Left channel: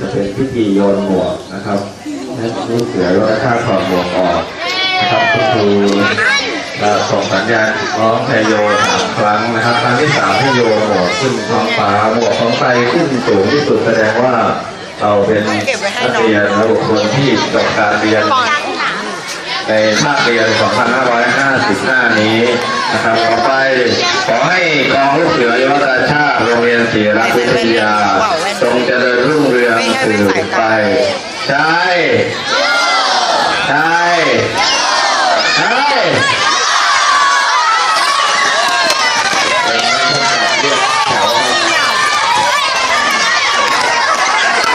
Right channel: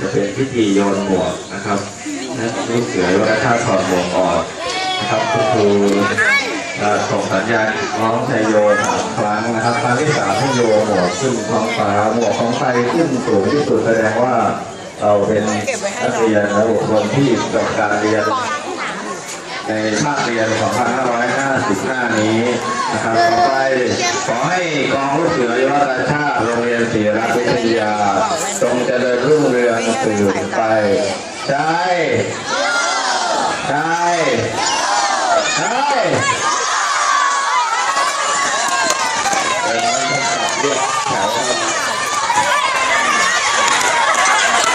จะเป็นพิธีโยนหมวกนะครับลูกเสือวัฒนธรรมถอดหมวกออกนะครับคุณครูจะส่งสัญญาณร้องไทยโยสามครั้งนะครับ ครั้งที่สามให้โยนหมวกขึ้นท้องฟ้าหมวกของใครขึ้นสูงที่สุดแสดงว่าเราเป็นนักเรียนและบุคคลที่จบการเรียนในภาคเรียน 2555 นี้นะครับ ต่อไปขอให้กองลูกเสือยุวราชาติโรงเรียนศรีรักษ์วิทยาจงเจริญ รุ่องสืบไป ใช่ ใช่ ใช่